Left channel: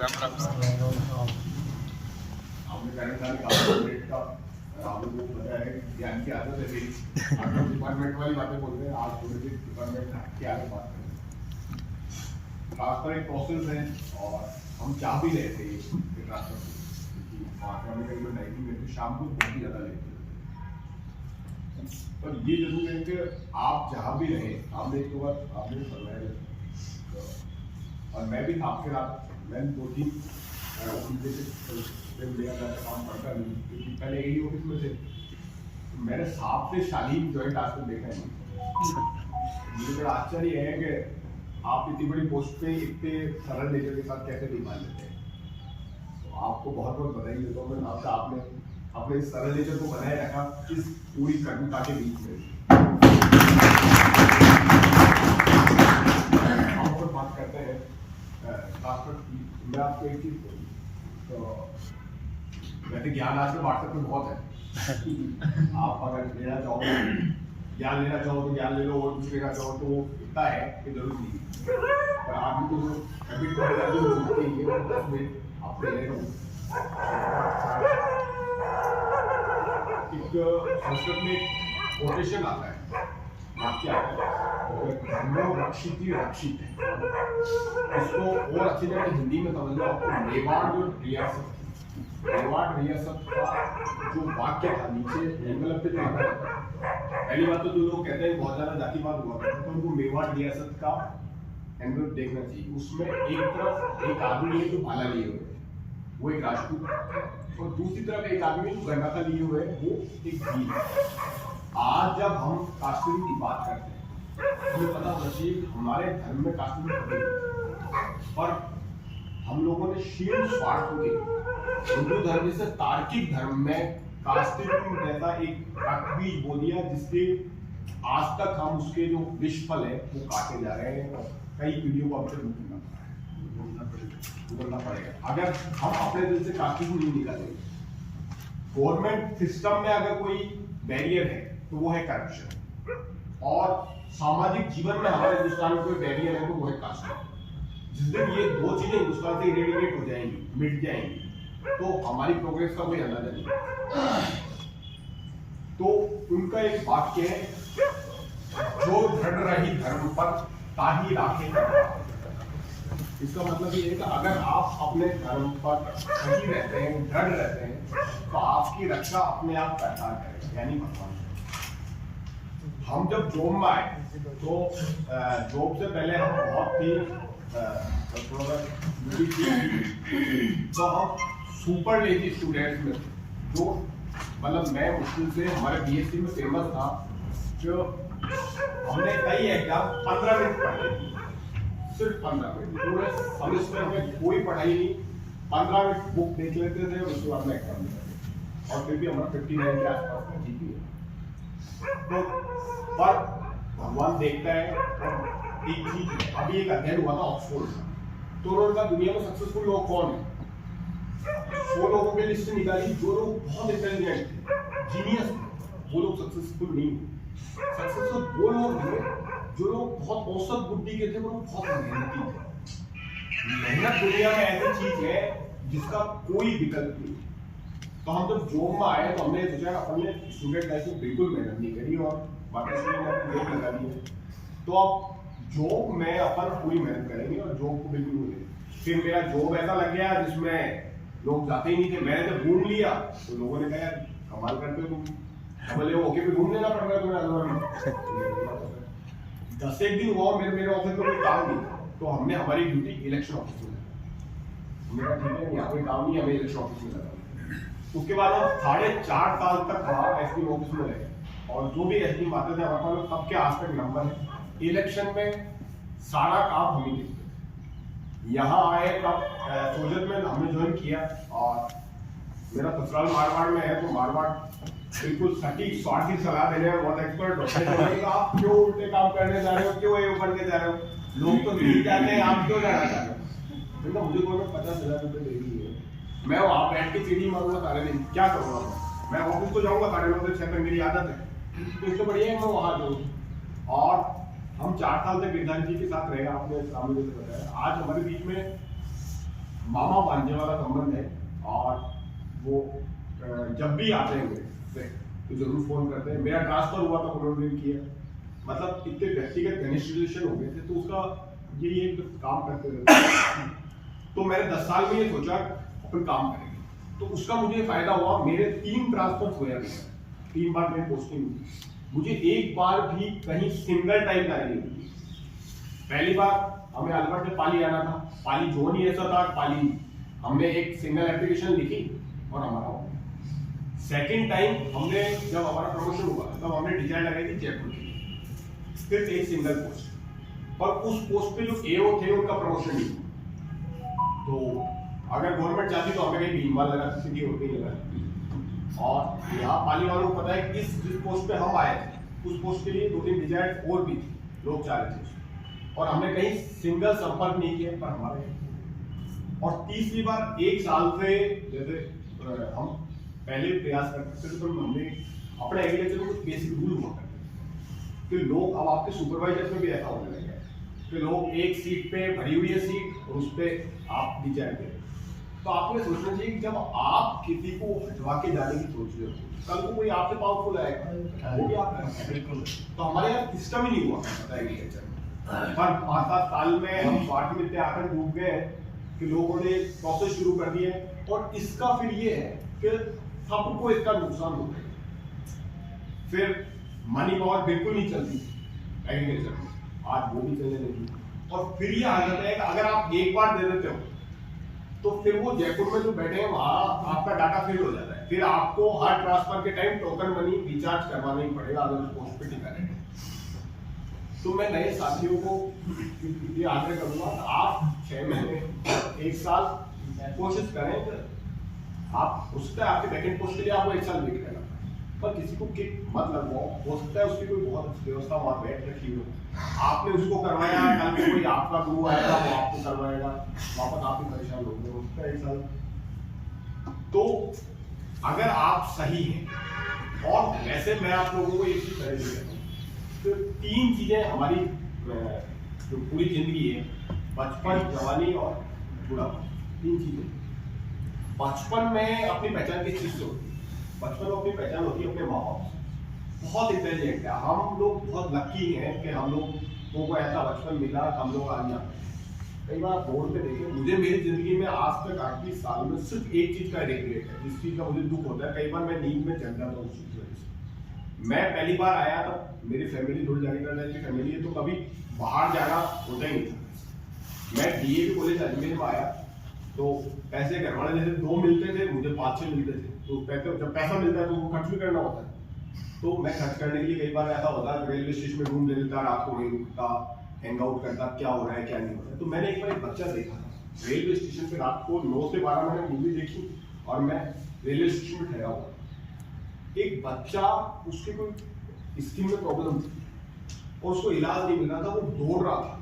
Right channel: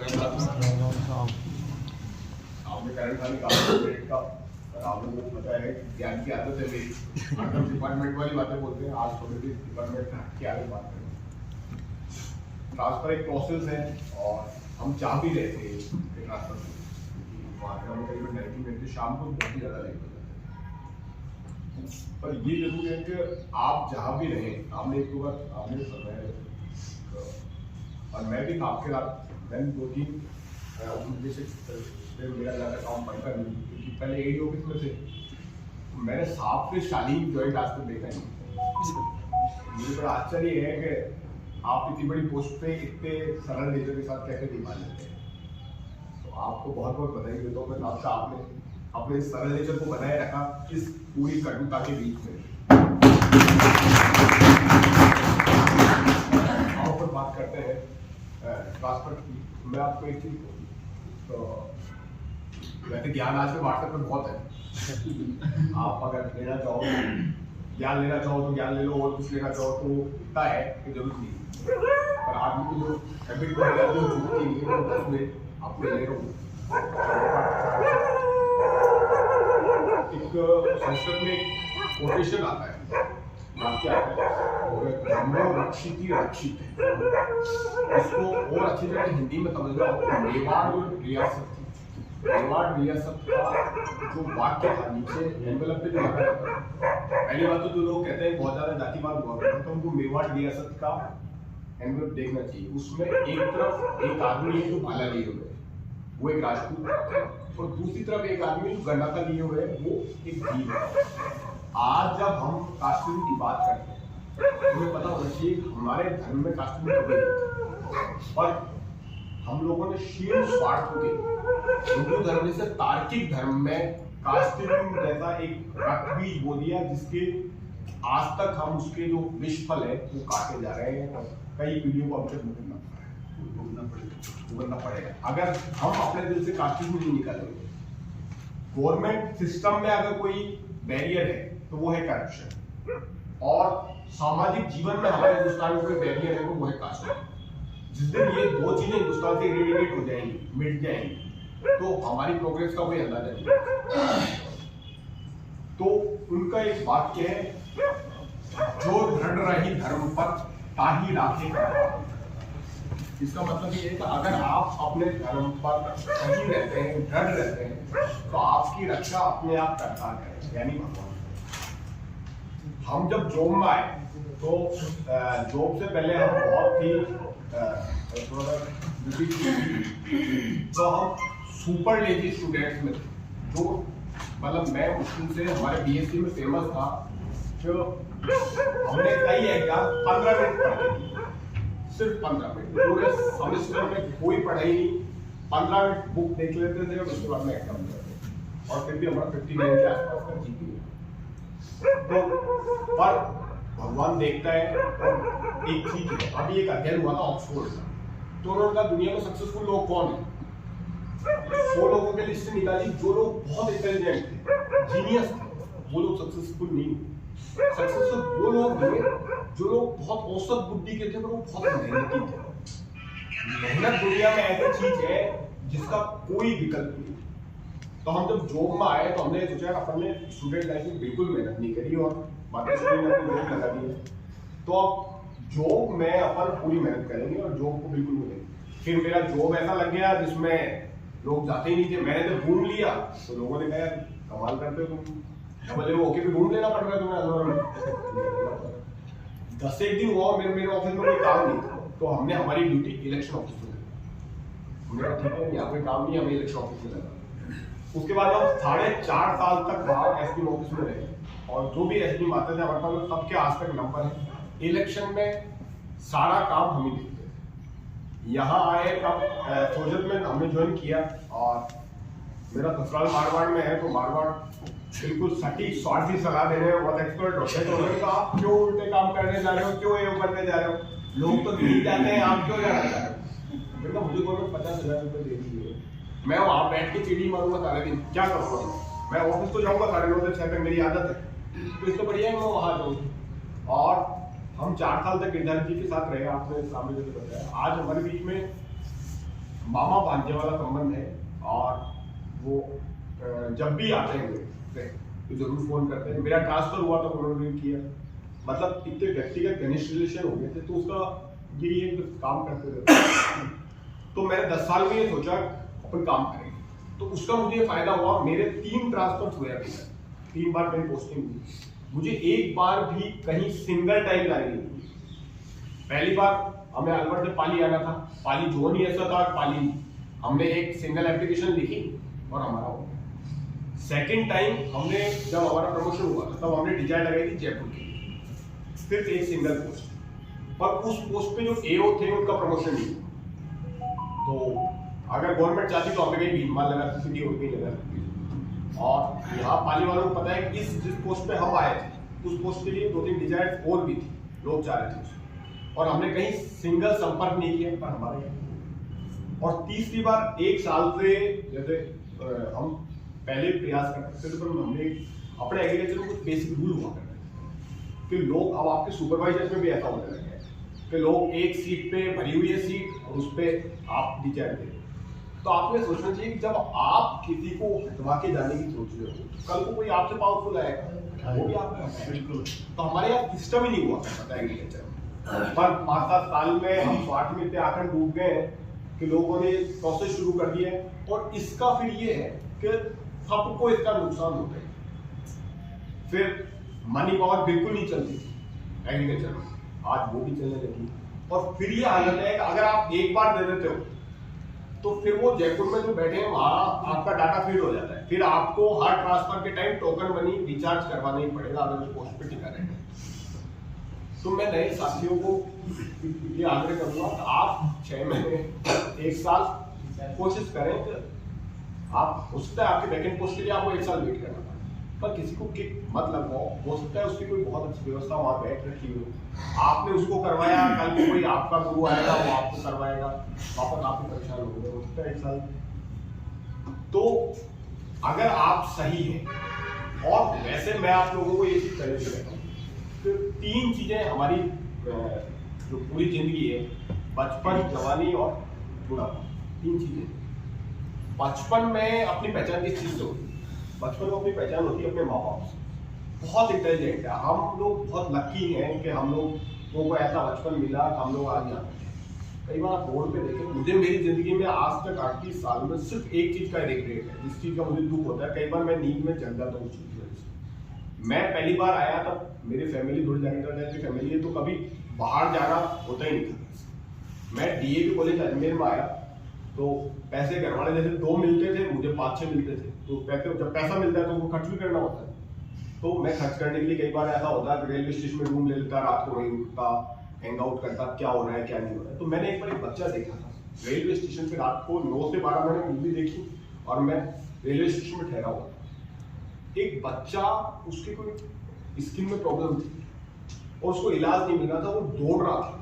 राम राम। आपने करंट खाली कार्बोहाइड्रेट का राहुल को पता है ज्ञान की आदत है मेरी। आप डिपार्टमेंट वाली बातें बोलते हैं, आज थोड़ी सी डिपार्टमेंट की आगे बात करें। ट्रांसफर एक प्रोसेस है और हम चाह भी रहे थे कि ट्रांसफर मात्रा में करीबन 90 मिनट शाम को बहुत ही ज़्यादा लेट हो जाता है। पर ये जरूर है कि आप जहाँ भी रहे, आपने एक दो बार आपने फरमाया और मैं भी आपके साथ मैंने 2-3 मेरा ज़्यादा काम पड़ता नहीं क्योंकि पहले यही ऑफिस में थे, तो मैंने 7 से शालीन जॉइंट आज तक देखा नहीं। मुझे बड़ा आश्चर्य है कि आप इतनी बड़ी पोस्ट पे इतने सरल नेचर के साथ कैसे निभान लेते हैं। तो आपको बहुत बहुत बधाई देता हूँ मैं आपसे, आपने अपने इस सरल नेचर को बनाए रखा इस पूरी कठिनता के बीच में। और फिर बात करते हैं ट्रांसफर की। मैं आपको एक चीज बोलूँ तो वैसे ज्ञान आज के व्हाट्सएप पे बहुत है। आप अगर लेना चाहो ज्ञान लेना चाहो तो ज्ञान ले लो, और कुछ लेना चाहो तो इतना है कि जरूरत नहीं है। पर आपकी जो हैबिट को अगर जो छूटती है वो 10 मिनट आप ले लो। एक संस्कृत में एक कोटेशन आता है, वाक्य आता है, ब्रह्मो रक्षिति रक्षित है। इसको और अच्छी तरह से हिंदी में समझ लो। आपको मेवाड़ जो रियासत थी, मेवाड़ रियासत का जो वाक्य था नीचे एनवेलप पे जो लिखा था, पहली बात तो जो लोग कहते हैं बहुत ज्यादा जातिवाद हुआ करता तो उनको मेवाड़ रियासत का एनवेलप देखना चाहिए। उसमें एक तरफ एक आदमी है जो भाला लिए हुए है, वो एक राजपूत है, और दूसरी तरफ एक आदमी जो गन्ना का लिए हुए है, वो एक भील है। आज जब हम काश्मीरी की बात करते हैं, हमें पता होना चाहिए हमारे धर्म में काश्मीरी कभी नहीं, पर हम लोगों ने शील स्वार्थ के हिंदू धर्म से तार्किक धर्म में कास्टिज्म जैसा एक रक्त बीज बो दिया, जिसके आज तक हम उसके जो विष फल है वो काटे जा रहे हैं और कई पीढ़ियों को हमसे भुगतना पड़ेगा अगर हम अपने दिल से कास्टिज्म नहीं निकालेंगे। गवर्नमेंट सिस्टम में अगर कोई बैरियर है तो वो है करप्शन, और सामाजिक जीवन में हमारे हिंदुस्तान में कोई बैरियर है तो वो है कास्ट। जिस दिन ये दो चीजें हिंदुस्तान से इरेडिकेट हो जाएंगी, मिट जाएंगी, तो हमारी प्रोग्रेस का कोई अंदाजा नहीं। तो उनका एक वाक्य है, जो दृढ़ रही धर्म पर ताही राखे। इसका मतलब ये है कि अगर आप अपने धर्म पर सही रहते हैं, दृढ़ रहते हैं, तो आपकी रक्षा अपने आप करता है, यानी भगवान। हम जब जॉब में आए तो जॉब से पहले हम बहुत ही तो हम सुपर लेजी स्टूडेंट्स में थे, जो मतलब मैं मुश्किल से हमारे बीएससी में फेमस था, जो हमने कई एग्जाम 15 मिनट पढ़े, सिर्फ 15 मिनट, पूरे सेमेस्टर में कोई पढ़ाई नहीं, 15 मिनट बुक देख लेते थे और उसके बाद में एग्जाम दिया था, और फिर भी हमारा 59 के आसपास जीपीए। तो पर भगवान देखता है। एक चीज है, अभी एक अध्ययन हुआ था ऑक्सफोर्ड में, तो उन्होंने कहा दुनिया में सक्सेसफुल लोग कौन है। 100 लोगों के लिस्ट निकाली, जो लोग बहुत इंटेलिजेंट थे, जीनियस थे, वो लोग सक्सेसफुल नहीं हुए। सक्सेसफुल वो लोग थे जो लोग बहुत औसत बुद्धि के थे, वो लोग बहुत मेहनती थे। मेहनत दुनिया में ऐसी चीज है जिसका कोई विकल्प नहीं। तो हम जब जॉब में आए तो हमने सोचा अपन ने स्टूडेंट लाइफ में बिल्कुल मेहनत नहीं करी और माताश्री ने अपनी जॉब लगा दी है, तो अब जॉब में अपन पूरी मेहनत करेंगे और जॉब को बिल्कुल नहीं। फिर मेरा जॉब ऐसा लग गया जिसमें लोग जाते ही नहीं थे। मैंने जब घूम लिया तो लोगों ने कहा कमाल करते हो तुम, बोले वो ओके भी घूम लेना पड़ रहा है तुम्हें। 10 दिन हुआ मेरे ऑफिस में कोई काम नहीं था, तो हमने हमारी ड्यूटी इलेक्शन ऑफिस में लगा। हमने कहा ठीक है, यहाँ कोई काम नहीं, हमें इलेक्शन ऑफिस में लगा। उसके बाद हम 4.5 साल तक वहाँ एसपी ऑफिस में रहे, और जो भी एसपी आते थे हमारे पास सबके आज तक नंबर है। इलेक्शन में सारा काम हम ही देखते थे। यहाँ आए तब सोजत में हमने ज्वाइन किया, और मेरा ससुराल मारवाड़ में है, तो मारवाड़ बिल्कुल सटीक स्वार्थी सलाह देने में बहुत एक्सपर्ट होते हैं। तो आप क्यों उल्टे काम करने जा रहे हो, क्यों ये करने जा रहे हो, लोग तो नहीं जाते हैं, आप क्यों जाना चाह रहे हो। मुझे गवर्नमेंट 50,000 रुपये दे रही है, मैं वहाँ बैठ के सीढ़ी मारूंगा सारे दिन, क्या करूँगा। मैं ऑफिस तो जाऊँगा 9:30 से 6 तक, मेरी आदत है, तो इससे बढ़िया है मैं वहाँ जाऊँ। और हम 4 साल तक गिरधारी जी के साथ रहे, आपने सामने जैसे बताया। आज हमारे बीच में मामा भांजे वाला संबंध है और वो जब भी आते हैं तो जरूर फोन करते हैं। मेरा ट्रांसफर हुआ तो उन्होंने किया, मतलब इतने व्यक्तिगत घनिष्ठ रिलेशन हो गए थे, तो उसका यही एक काम करते थे। तो मैंने 10 साल में ये सोचा अपन काम करेंगे, तो उसका मुझे फायदा हुआ। मेरे 3 ट्रांसफर हुए अभी तक, 3 बार मेरी पोस्टिंग हुई, मुझे एक बार भी कहीं सिंगल टाइम जाने नहीं हुई। पहली बार हमें अलवर से पाली आना था, पाली जोन ही ऐसा था, पाली हमने एक सिंगल एप्लीकेशन लिखी और हमारा हो गया। सेकेंड टाइम हमने जब हमारा प्रमोशन हुआ तब हमने डिजाइन लगाई थी जयपुर के लिए, सिर्फ एक सिंगल पोस्ट, पर उस पोस्ट पे जो एओ थे उनका प्रमोशन नहीं हुआ। तो अगर गवर्नमेंट चाहती तो हमें कहीं भीममाल लगा सिटी और कहीं लगा। और यहाँ पाली वालों को पता है कि जिस पोस्ट पे हम आए थे उस पोस्ट के लिए 2-3 डिजाइन और भी थी, लोग चाह रहे थे, और हमने कहीं सिंगल संपर्क नहीं किया पर हमारे। और तीसरी बार 1 साल से जैसे हम पहले प्रयास करते थे, तो हमने अपने एग्रीकल्चर में कुछ बेसिक रूल हुआ करते कि लोग, अब आपके सुपरवाइजर में भी ऐसा होने लगे कि लोग एक सीट पे भरी हुई है सीट और उस पर आप डिजाइन दे। तो आपको ये सोचना चाहिए कि जब आप किसी को हटवा के जाने की सोच रहे हो, कल को कोई आपसे पावरफुल आएगा, वो भी आप बिल्कुल। तो हमारे यहाँ सिस्टम ही नहीं हुआ करता एग्रीकल्चर, पर 5-7 साल में हम स्वार्थ में इतने आकर डूब गए हैं कि लोगों ने प्रोसेस शुरू कर दिया है। और इसका फिर ये है कि सबको इसका नुकसान हो गया। फिर मनी पावर बिल्कुल नहीं चलती एग्रीकल्चर में, आज वो भी चलने लगी। और फिर ये हालत है कि अगर आप एक बार दे देते हो तो फिर वो जयपुर में जो बैठे हैं वहां आपका डाटा फिल हो जाता है, फिर आपको हर ट्रांसफर के टाइम टोकन मनी रिचार्ज करवाना ही पड़ेगा अगर उस पोस्ट पे टिका रहेगा। तो मैं नए साथियों को ये आग्रह करूंगा कि आप 6 महीने 1 साल कोशिश करें कि आप, हो सकता है आपके बैकेंड पोस्ट के लिए आपको 1 साल वेट करना, पर किसी को किक मत लगवाओ। हो सकता है उसकी कोई बहुत अच्छी व्यवस्था वहाँ बैठ रखी हो, आपने उसको करवाया, कल को कोई आपका गुरु आएगा वो आपको करवाएगा, वापस आप ही परेशान होंगे। हो सकता है 1 साल। तो अगर आप सही हैं, और वैसे मैं आप लोगों को ये चीज कहना चाहता हूँ कि 3 चीजें हमारी जो पूरी जिंदगी है, बचपन, जवानी और बुढ़ापा, 3 चीजें। बचपन में अपनी पहचान किस चीज से होती है? बचपन में अपनी पहचान होती है अपने माँ बाप से। बहुत इंटेलिजेंट है हम लोग, बहुत लकी हैं कि हम लोगों को ऐसा बचपन मिला, हम लोग आज यहाँ। कई बार बोर्ड पे देखें, मुझे मेरी जिंदगी में आज तक 38 साल में सिर्फ एक चीज का रिग्रेट है, जिस चीज का मुझे दुख होता है। कई बार मैं नींद में जग जाता हूँ उस चीज से। मैं पहली बार आया तब मेरी फैमिली थोड़ी जगह टाइप की फैमिली है, तो कभी बाहर जाना होता ही नहीं था। मैं डीएवी कॉलेज अजमेर में आया तो पैसे घर वाले जैसे 2 मिलते थे, मुझे 5-6 मिलते थे। तो पैसे, जब पैसा मिलता है तो वो खर्च भी करना होता है। तो मैं खर्च करने के लिए कई बार ऐसा होता है रेलवे स्टेशन में रूम ले लेता, रात को वहीं रुकता, हैंग आउट करता, क्या हो रहा है क्या नहीं हो रहा है। तो मैंने एक बार एक बच्चा देखा था रेलवे स्टेशन पे, रात को 9 से 12 मैंने मूवी देखी और मैं रेलवे स्टेशन में ठहरा हुआ। एक बच्चा, उसके कोई स्किन में प्रॉब्लम थी और उसको इलाज नहीं मिल रहा था, वो दौड़ रहा था।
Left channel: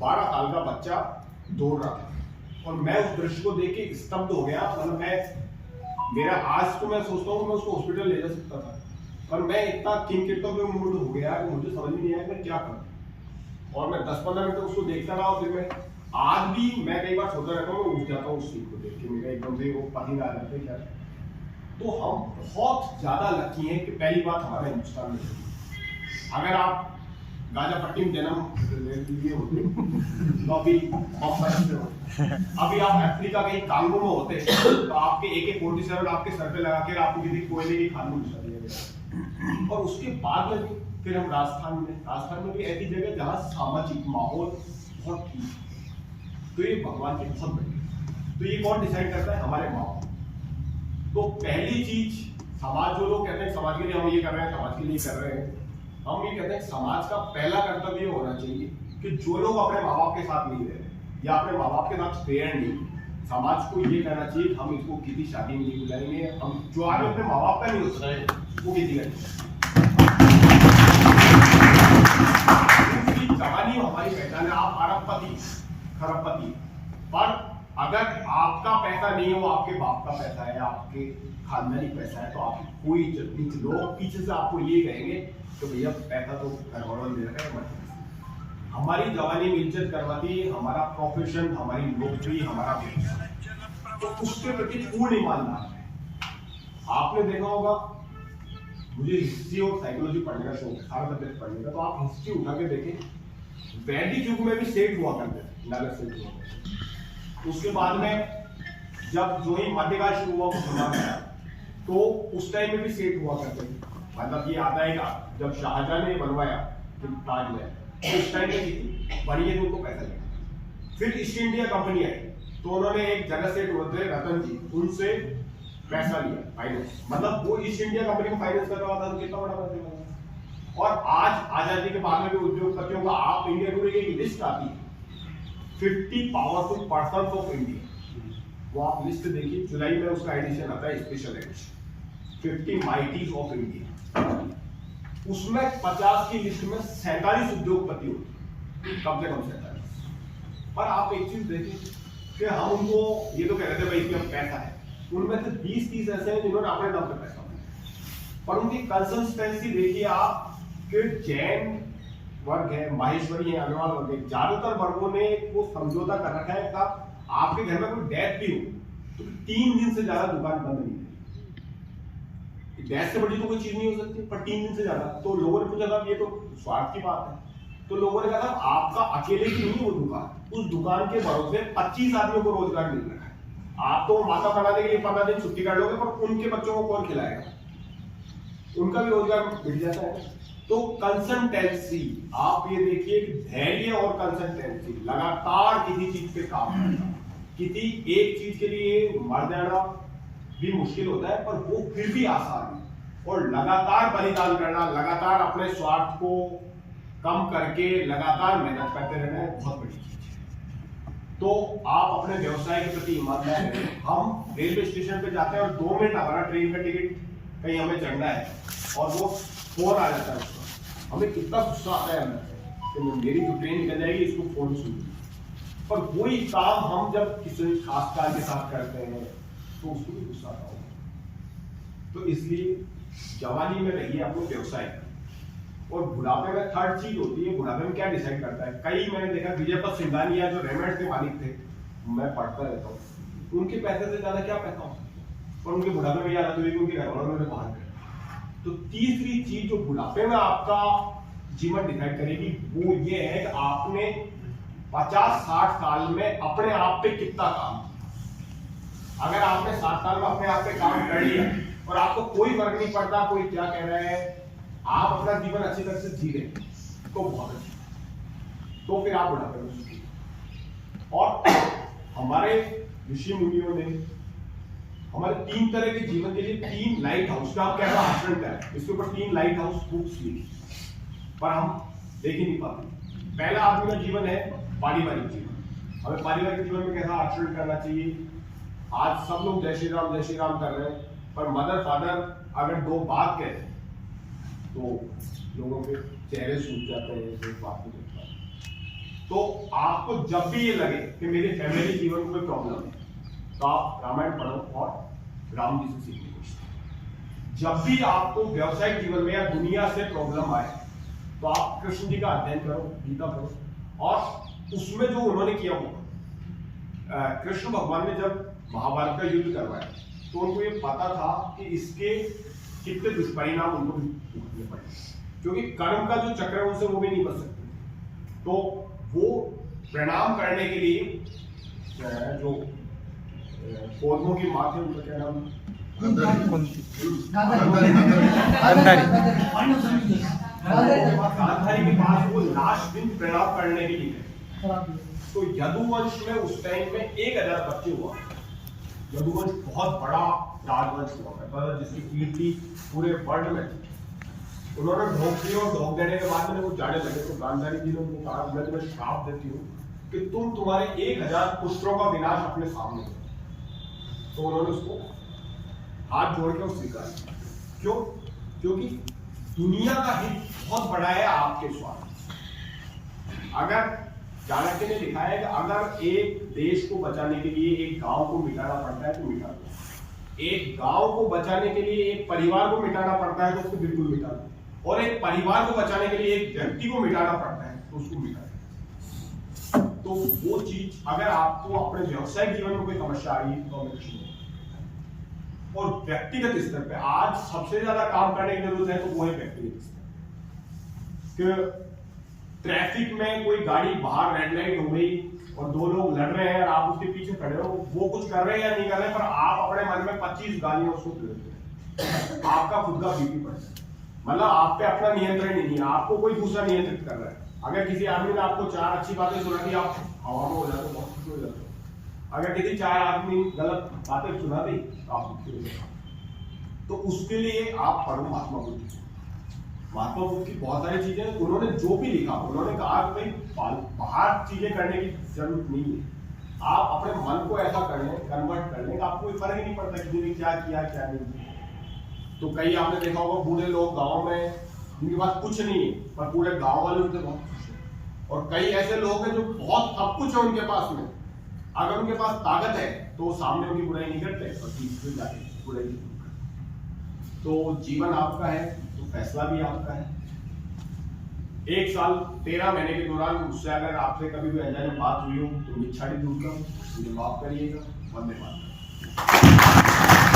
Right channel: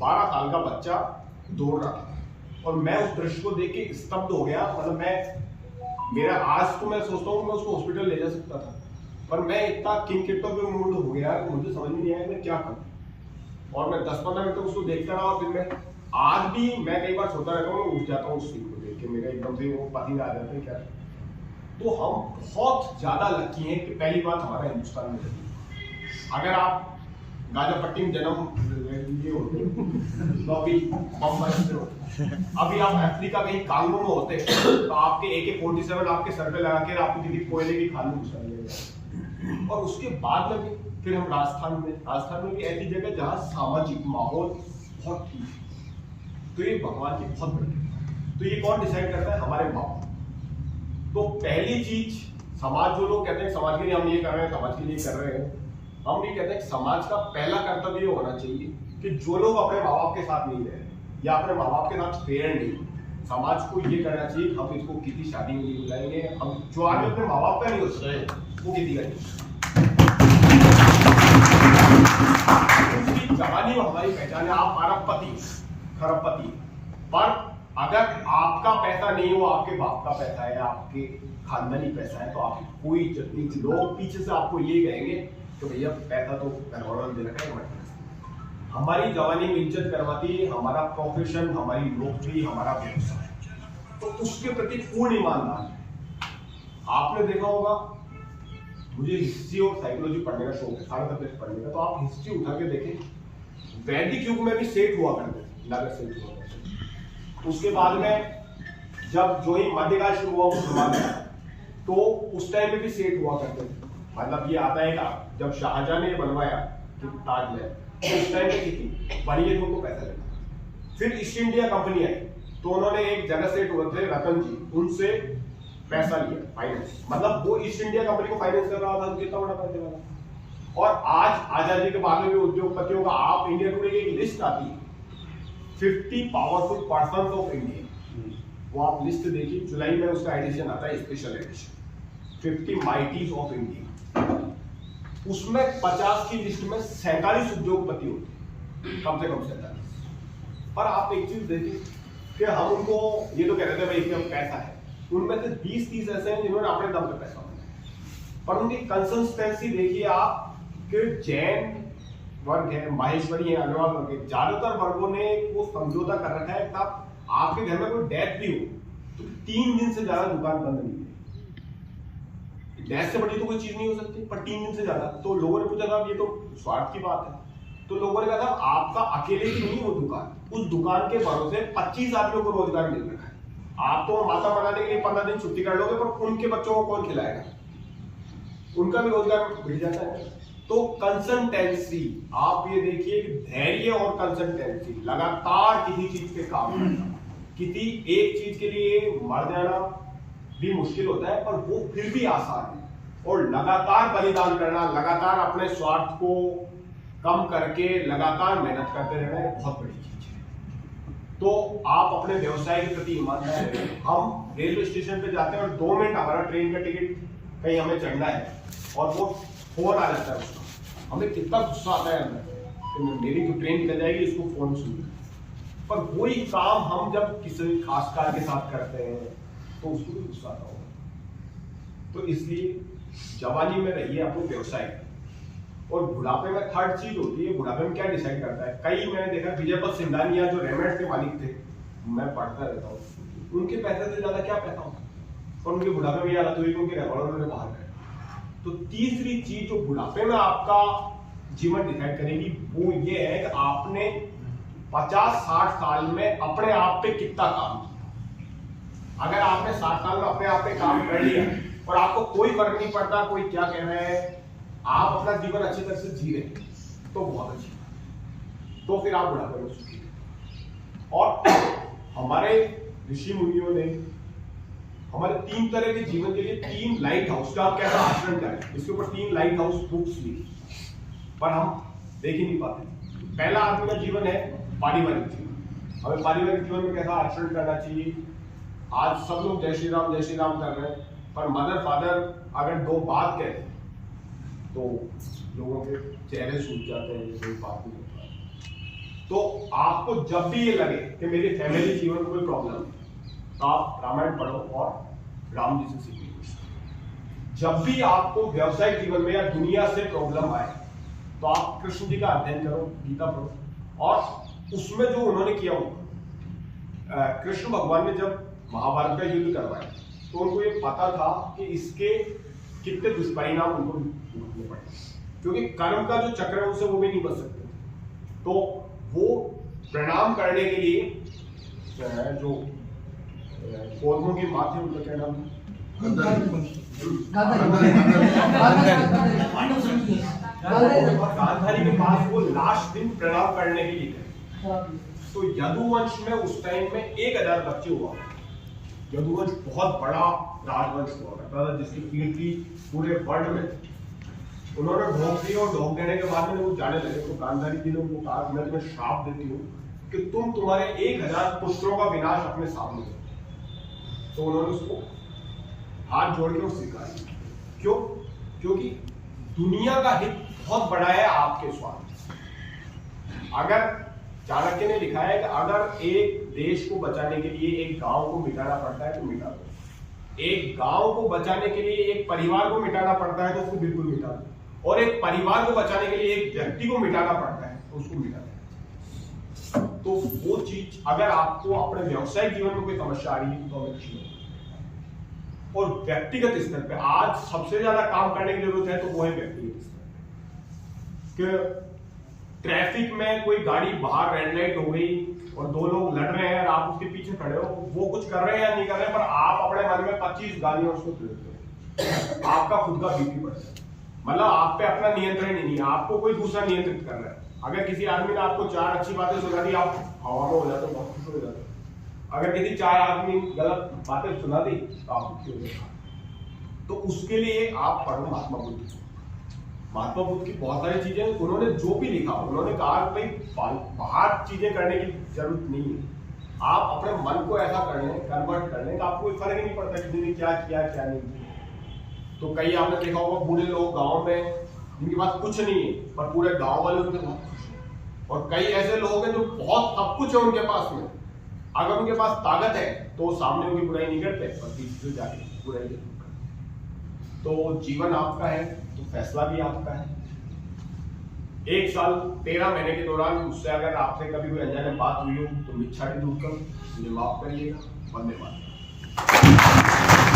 12 साल का बच्चा दौड़ रहा था और मैं उस दृश्य को देख के स्तब्ध हो गया। मतलब मेरा आज को मैं सोचता हूँ मैं उसको हॉस्पिटल ले जा सकता था, पर मैं इतना किंग मूड हो गया कि मुझे समझ में नहीं आया मैं क्या करूँ। और मैं 10-15 मिनट तक उसको देखता रहा और फिर मैं आज भी मैं कई बार सोता रहता हूँ, मैं उठ जाता हूँ उस सीन को देख के, मेरा एकदम से वो पसीना आ जाता है क्या। तो हम बहुत ज्यादा लकी हैं कि पहली बात हमारा हिंदुस्तान में है। अगर आप गाजापट्टी में जन्म लिए होते तो अभी आप अफ्रीका कहीं कांगो में होते तो आपके AK-47 आपके सर पे लगा के आपको किसी कोयले की खान में घुसा दिया गया। और उसके बाद में भी फिर हम राजस्थान में भी ऐसी जगह जहाँ सामाजिक माहौल बहुत ठीक, तो ये भगवान की बहुत बड़ी। तो ये कौन डिसाइड करता है? हमारे माँ बाप। तो पहली चीज, समाज, जो लोग कहते हैं समाज के लिए हम ये कर रहे हैं, समाज के लिए कर रहे हैं, हम ये कहते हैं समाज का पहला कर्तव्य होना चाहिए कि जो लोग अपने माँ बाप के साथ नहीं रहे या अपने माँ बाप के साथ फेयर नहीं, समाज को ये कहना चाहिए हम इसको किसी शादी में नहीं बुलाएंगे, हम जो आगे अपने माँ बाप का नहीं होता है वो किसी का नहीं। जवानी हमारी पहचान है, आप खरबपति, पर अगर आपका पैसा नहीं हो, आपके बाप का पैसा है, आपके खानदानी पैसा है, तो आपकी कोई इज्जत नहीं। लोग पीछे से आपको ये कहेंगे तो भैया पैसा तो घरवालों ने दे रखा है। हमारी जवानी में इज्जत करवाती है हमारा प्रोफेशन, हमारी नौकरी, हमारा व्यवसाय। तो उसके प्रति पूर्ण ईमानदार है। आपने देखा होगा, मुझे हिस्ट्री और साइकोलॉजी पढ़ने का शौक है, सारे सब्जेक्ट पढ़ने का, तो आप हिस्ट्री उठा के देखें, वैदिक युग में भी सेठ हुआ करते थे, नगर सेठ हुआ करते थे। उसके बाद में जब जो ही मध्यकाल शुरू हुआ मुसलमान का, तो उस टाइम में भी सेठ हुआ करते थे। मतलब ये आता है कि जब शाहजहां ने बनवाया ताजमहल, तो उस टाइम में थी बढ़िया, तो उनको पैसा लगा। फिर ईस्ट इंडिया कंपनी आई, तो उन्होंने एक जगह सेठ हुए थे रतन जी, उनसे पैसा लिया, फाइनेंस, मतलब वो ईस्ट इंडिया कंपनी को फाइनेंस कर रहा था, तो कितना बड़ा पैसा लगा। और आज आजादी के बाद में भी उद्योगपतियों का, आप इंडिया टुडे की एक लिस्ट आती है 50 पावरफुल पर्सन ऑफ इंडिया, वो आप लिस्ट देखिए, जुलाई में उसका एडिशन आता है, स्पेशल एडिशन 50 माइटीज ऑफ इंडिया। उसमें 50 की लिस्ट में 47 उद्योगपति होते, कम से कम 47। पर आप एक चीज देखिए कि हम उनको ये तो कह रहे थे भाई इसमें पैसा है, उनमें से 20-30 ऐसे हैं जिन्होंने अपने दम पे पैसा बनाया। पर उनकी कंसिस्टेंसी देखिए आप कि जैन वर्ग है, माहेश्वरी है, अग्रवाल वर्ग है, ज्यादातर वर्गों ने वो समझौता कर रखा है कि आपके घर में कोई डेथ भी हो तो 3 दिन से ज्यादा दुकान बंद नहीं है। डेथ से बड़ी तो कोई चीज नहीं हो सकती, पर 3 दिन से ज्यादा। तो लोगों ने पूछा ये तो स्वार्थ की बात है, तो लोगों ने कहा आपका अकेले की नहीं वो दुकान, उस दुकान के भरोसे 25 आदमियों को रोजगार मिल रहा है। आप तो माता बनाने के लिए 15 दिन छुट्टी कर लोगे, पर उनके बच्चों को कौन खिलाएगा, उनका भी रोजगार मिल जाता है। तो कंसिस्टेंसी, आप ये देखिए धैर्य और कंसिस्टेंसी, लगातार किसी चीज पे काम करना, किसी एक चीज के लिए मर जाना भी मुश्किल होता है, पर वो फिर भी आसान है। और लगातार बलिदान करना, लगातार अपने स्वार्थ को कम करके लगातार मेहनत करते रहना बहुत बड़ी चीज है। तो आप अपने व्यवसाय के प्रति ईमानदार रहें। हम रेलवे स्टेशन पे जाते हैं और 2 मिनट हमारा ट्रेन का टिकट कहीं हमें चढ़ना है और वो फोन आ जाता है, हमें कितना गुस्सा आता है अंदर, मेरी जो ट्रेन निकल जाएगी, इसको फोन सुन। पर वही काम हम जब किसी खासकार के साथ करते हैं तो उसको भी गुस्सा आता होगा। तो इसलिए जवानी में रहिए अपने व्यवसाय, और बुढ़ापे में थर्ड चीज होती है, बुढ़ापे में क्या डिसाइड करता है। कई मैंने देखा, विजयपत सिंघानिया जो रेमंड के मालिक थे, मैं पढ़ता रहता हूँ, उनके पैसे से ज्यादा क्या पैसा हो, और उनके बुढ़ापे में याद हुई उनके घरवालों ने बाहर कर। तो तीसरी चीज जो बुढ़ापे में आपका जीवन डिसाइड करेगी वो ये है कि आपने 50-60 साल में अपने आप पे कितना काम किया। अगर आपने 60 साल में अपने आप पे काम कर लिया और आपको कोई फर्क नहीं पड़ता कोई क्या कह रहा है, आप अपना जीवन अच्छी तरह से जी रहे, तो बहुत अच्छा है, तो फिर आप बुढ़ापे में सुखी। और हमारे ऋषि मुनियों ने हमारे 3 तरह के जीवन के लिए 3 लाइट हाउस का आप कैसा आचरण करें, इसके ऊपर 3 लाइट हाउस बुक्स लिखी, पर हम देख ही नहीं पाते। पहला आदमी का जीवन है पारिवारिक जीवन, हमें पारिवारिक जीवन में कैसा आचरण करना चाहिए। आज सब लोग जय श्री राम कर रहे हैं, पर मदर फादर अगर 2 बात कहते हैं तो लोगों के चेहरे सूख जाते हैं, जैसे बात नहीं करता। तो आपको जब भी ये लगे कि मेरे फैमिली जीवन में कोई प्रॉब्लम है, तो आप रामायण पढ़ो और राम जी से सीखने की कोशिश। जब भी आपको व्यवसायिक जीवन में या दुनिया से प्रॉब्लम आए, तो आप कृष्ण जी का अध्ययन करो, गीता पढ़ो, और उसमें जो उन्होंने किया हो, कृष्ण भगवान ने जब महाभारत का युद्ध करवाया, तो उनको ये पता था कि इसके कितने दुष्परिणाम उनको भुगतने पड़े, क्योंकि कर्म का जो चक्र है उनसे वो भी नहीं बच सकते। तो वो प्रणाम करने के लिए जो पौधों की माँ थी, उनका क्या नाम, गांधारी के पास वो लास्ट दिन प्रणाम करने के लिए गए। तो यदुवंश में उस टाइम में 1000 बच्चे हुआ। यदुवंश बहुत बड़ा राजवंश हुआ करता था, जिसकी कीर्ति पूरे वर्ल्ड में थी। उन्होंने ढोक दिया और ढोक देने के बाद में वो जाने लगे, तो गांधारी जी ने उनको कहा, मैं तुम्हें श्राप देती हूँ कि तुम तुम्हारे 1000 पुत्रों का विनाश अपने सामने करो। तो उन्होंने उसको हाथ जोड़ के स्वीकार किया। क्यों? क्योंकि दुनिया का हित बहुत बड़ा है आपके स्वार्थ। अगर चाणक्य ने लिखा है कि अगर एक देश को बचाने के लिए एक गांव को मिटाना पड़ता है तो मिटा दो, एक गांव को बचाने के लिए एक परिवार को मिटाना पड़ता है तो उसको बिल्कुल मिटा दो, और एक परिवार को बचाने के लिए एक व्यक्ति को मिटाना पड़ता है तो उसको मिटा दो। तो वो चीज अगर आपको अपने व्यवसायिक जीवन में कोई समस्या आ रही है तो हमें शुरू और व्यक्तिगत स्तर पे आज सबसे ज्यादा काम करने की जरूरत है, तो वो है व्यक्तिगत स्तर कि ट्रैफिक में कोई गाड़ी बाहर रेड लाइट हो गई और दो लोग लड़ रहे हैं और आप उसके पीछे खड़े हो, वो कुछ कर रहे हैं या नहीं कर रहे हैं, पर आप अपने मन में 25 गालियां उसको देते हो, आपका खुद का बीपी बढ़ जाए। मतलब आप पे अपना नियंत्रण ही नहीं है, आपको कोई दूसरा नियंत्रित कर रहा है। अगर किसी आदमी ने आपको 4 अच्छी बातें सुना दी, आप हवा में हो जाते, बहुत खुश हो जाते। अगर किसी 4 आदमी गलत बातें सुना दी तो आप दुखी हो जाते। तो उसके लिए आप पढ़ो महात्मा बुद्ध। महात्मा बुद्ध की बहुत सारी चीजें, उन्होंने जो भी लिखा, उन्होंने कहा भाई बाहर चीजें करने की जरूरत नहीं है, आप अपने मन को ऐसा कर लें, कन्वर्ट कर लें, आपको कोई फर्क ही नहीं पड़ता किसी ने क्या किया क्या नहीं किया। तो कई आपने देखा होगा बूढ़े लोग गांव में जिनके पास कुछ नहीं है, पर पूरे गांव वाले उनके बहुत खुश हैं। और कई ऐसे लोग हैं जो बहुत सब कुछ है उनके पास में, अगर उनके पास ताकत है तो सामने उनकी बुराई नहीं करते, पर तीसरे जाके बुराई नहीं करते। तो जीवन आपका है तो फैसला भी आपका है। 1 साल 13 महीने के दौरान मुझसे अगर आपसे कभी कोई अनजाने बात हुई हो तो मिच्छा की दूर कर मुझे माफ करिएगा। वंदे मातरम।